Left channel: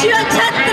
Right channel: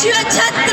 学成。